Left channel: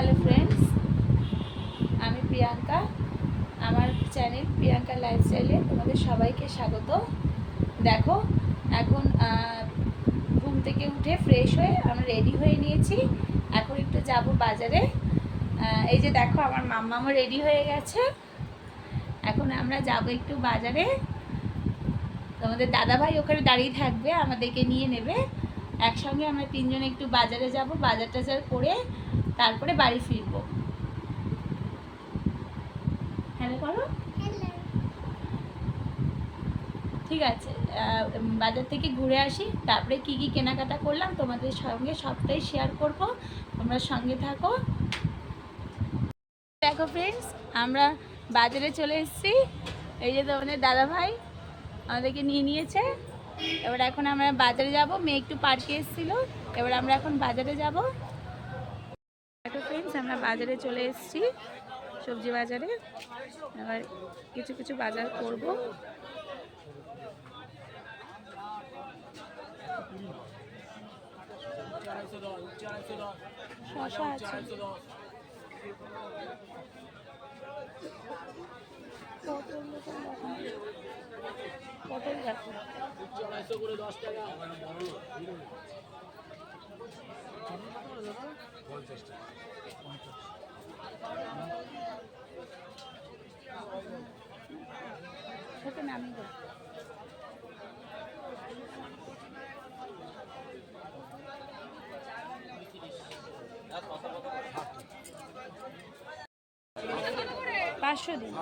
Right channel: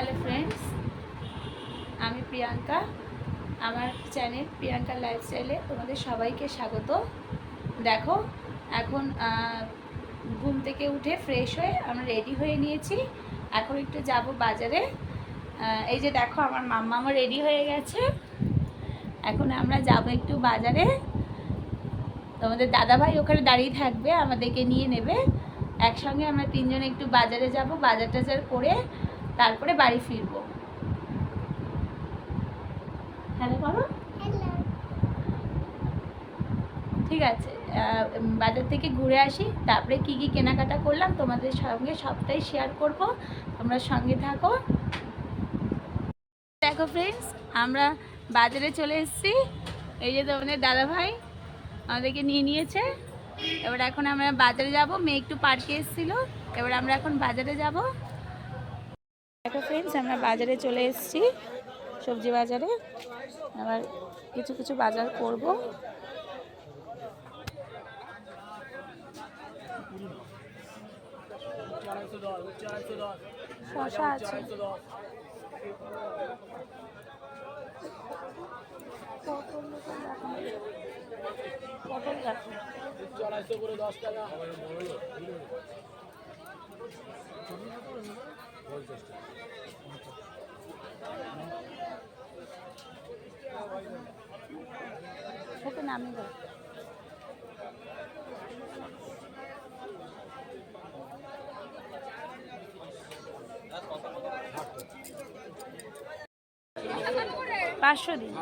Hello friends, আমি প্রিয়াঙ্কা। আমার channel Priyanka লাইফস্টাইলে তোমাদের সবাইকে স্বাগত। দেখো, এখন ঘুম থেকে উঠে ফ্রেশ হয়ে আমরা রেডি হয়ে নিয়েছি। এখন একটু যাব বাজারে। এই যে দেখো, আমার মাম্মামও রেডি হয়ে গেছে। এখন আমরা যাব একটু বাজারে। তোমাদের দাদাভাই ওখানে দাঁড়িয়ে থাকবে, আমাদেরকে নিয়ে নেবে। একসঙ্গে আমরা তিনজনে একটু বাজারে যাব, বাজার টাজার করে তারপরে বাড়ি ফিরবো। হ্যালো করো। ঠিক আছে, বাজার থেকে ঘুরে আসি, তারপরে কি কি কেনাকাটা করলাম তোমাদের সঙ্গে সবটাই শেয়ার করব। তোমরা সঙ্গে থাকো। দেখো ফ্রেন্ডস, আমরা বাজারে চলে এসেছি। এই যে তোমাদের দাদাভাই আমাদেরকে নিয়ে নিয়েছে। এবার এখন আমরা বাজারে যাব। মেয়ে একটু পার্কে এসেছিলো, এবার আমরা এখন বাজারে যাব। দেখো ফ্রেন্ডস, আমরা বাজারে চলে এসেছি, সবজি বাজারে। এবার কিছু কিছু বাজার করব। শসা আছে, পটল দেখো। 250 করে 10 টাকা। ওকে নামিয়ে দাও। পাঁচশো দিন।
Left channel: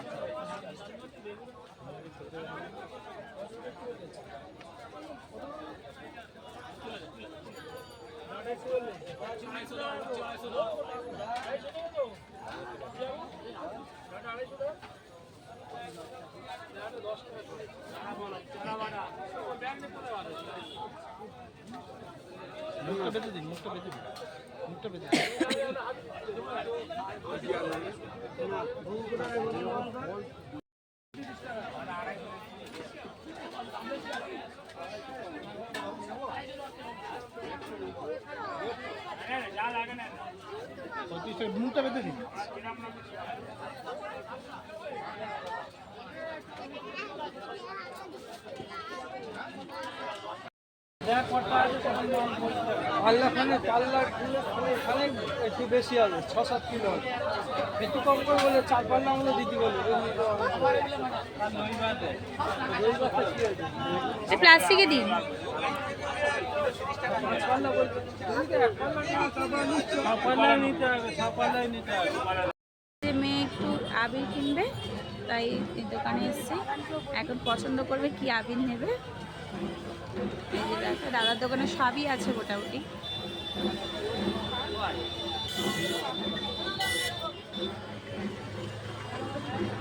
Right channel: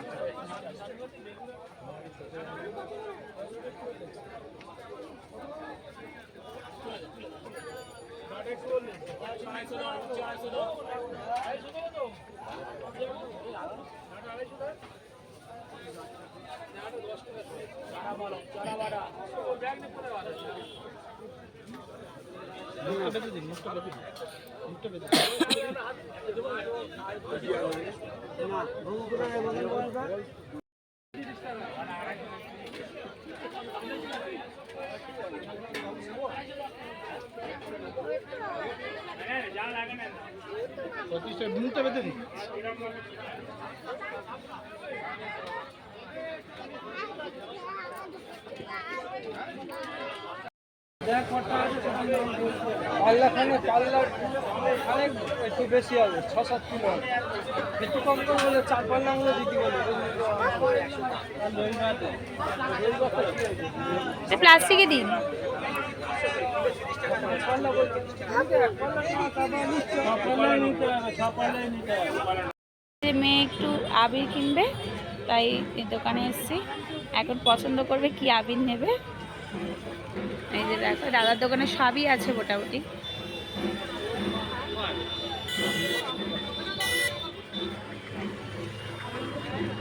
পাল্লা একটু বেশি হবে, 6-7 কিলো হবে। একটু কম করে বলে 4 পাল্লা মতো দিতে বলে। প্লাস্টিকে দিন। মেয়ে একটু আবির কিনবে, তাই দোকানে এসেছি। এখন পছন্দ করবে কি আবির নেবে। এই যে দেখো, দাদার দোকানে সবই আছে মোটামুটি।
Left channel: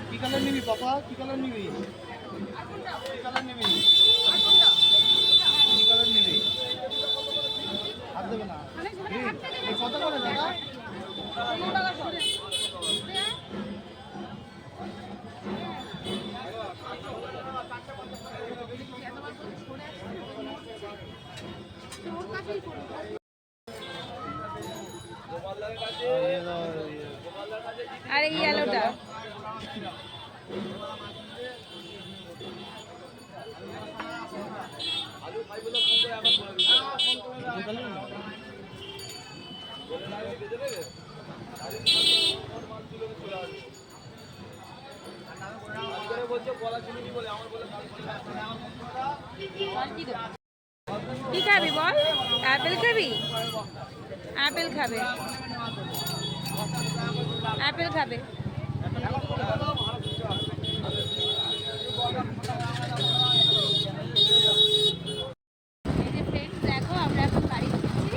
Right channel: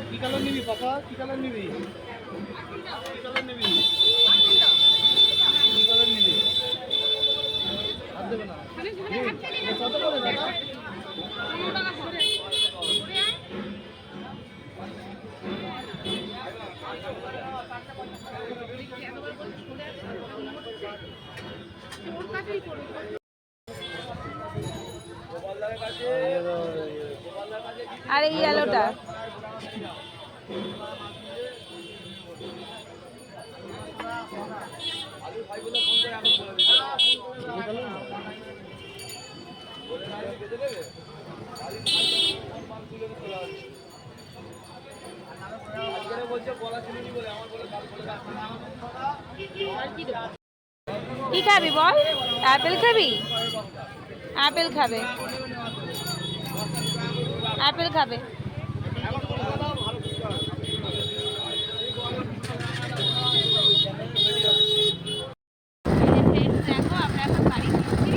কি কালার নিবি বাবা? কি কালার নিবি? কি কালার নিবি? কি কালার নিবি? হাত দেবে না। কত করে দাদা? 15 টাকা সব। আর এই ইয়েলোটা কি খাবি বল? অ্যাপেল খাবি? অ্যাপেল খাবে, অ্যাপেল খাবে। দেখো, আমরা এখন বাড়ি ফিরছি।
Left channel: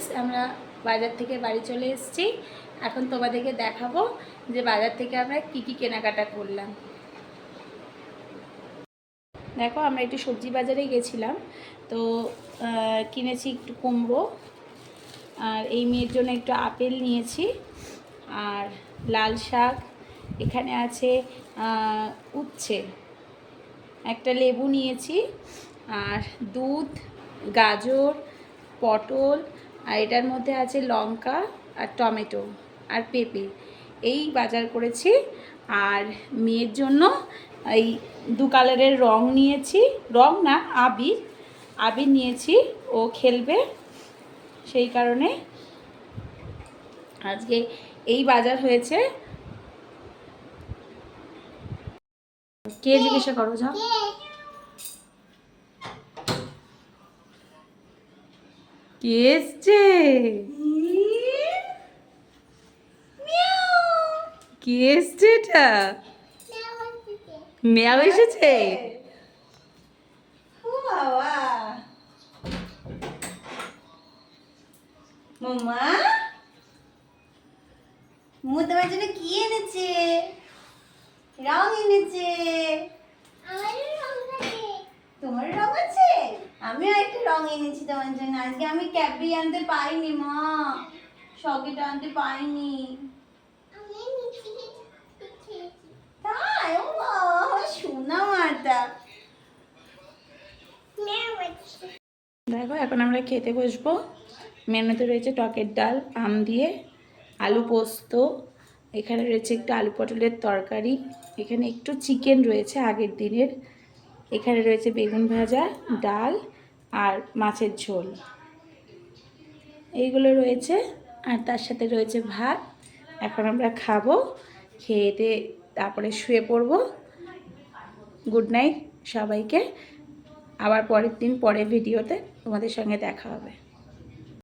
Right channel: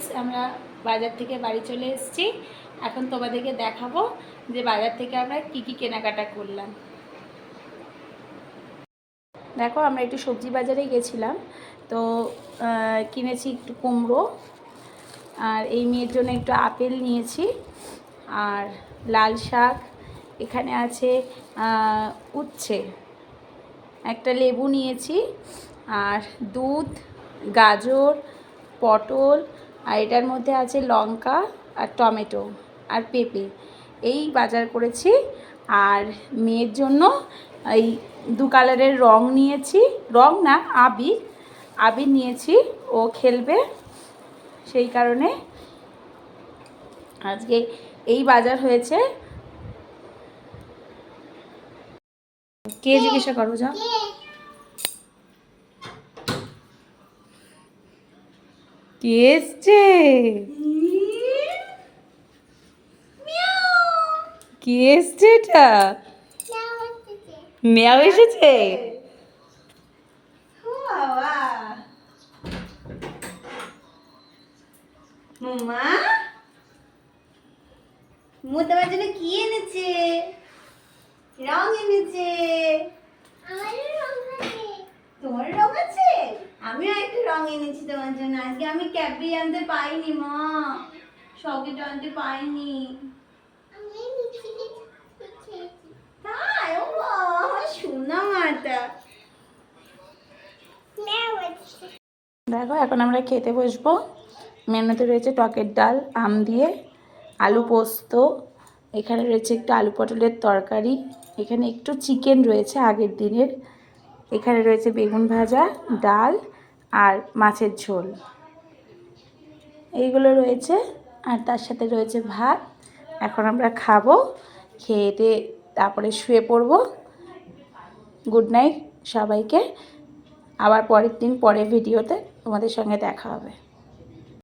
ফ্রেন্ডস, আমরা বাজার থেকে বাড়ি চলে এসেছি। এখন তোমাদেরকে দেখাবো যে বাজার থেকে আমরা কি কি কেনাকাটা করলাম। দেখো, আমরা একটু সবজি বাজারে গেছিলাম, তো কিনেছি একটু কুমড়ো, আর এই মেয়ের জন্য একটু আপেল নিয়েছি, আর লাল শাক, এখানে আছে উচ্ছে, একটা লেবু নিয়েছি, আর দুধ, গাজর, পটল, আর এটার মধ্যে আছে লঙ্কা আর টমেটো আর পেঁপে, এই বাজার করেছি। আর মেয়ের জন্য এই 2 কালারের রং নিয়েছি, রং না আবির, আবির নিয়েছি, ও খেলবে, সেই কারণে আজকে এই বাজার হয়েছে। কে জিজ্ঞাসা করো, যাও। কে এসছে? কে এসছে? এটা মেয়াও এসেছে। মাম্মা মু তোমার জন্য কি এনেছে? রং এনেছে। তোমার রং আছে? আমিও একটা রং এনেছি তোমার জন্য। আজকে আমি ক্যাডবেরি আনতে পাইনি মা, চকলেট আনতে পাইনি। তাই? ও মা, আমার সোনা মাটা। দেখো, এখন আমরা খেতে বসবো। মেনুতে রয়েছে টকের ডাল আম দিয়ে, আলু পোস্ত, এখানে রয়েছে একটু আলু পটলের তরকারি, এখানে একটু চিকেন রয়েছে আগের দিনের, এখানে রয়েছে বেগুন ভাজা, ডাল আর মাছের ঝোল, এইগুলো রয়েছে। আর তার সাথে রয়েছে ভাত। এখন আমরা খাবো, খেয়ে দিয়ে তারপরে শুয়ে পড়বো। গুড নাইট সবাইকে। আবার পরের দিন পরের ভিডিওতে তোমাদের সঙ্গে দেখা হবে।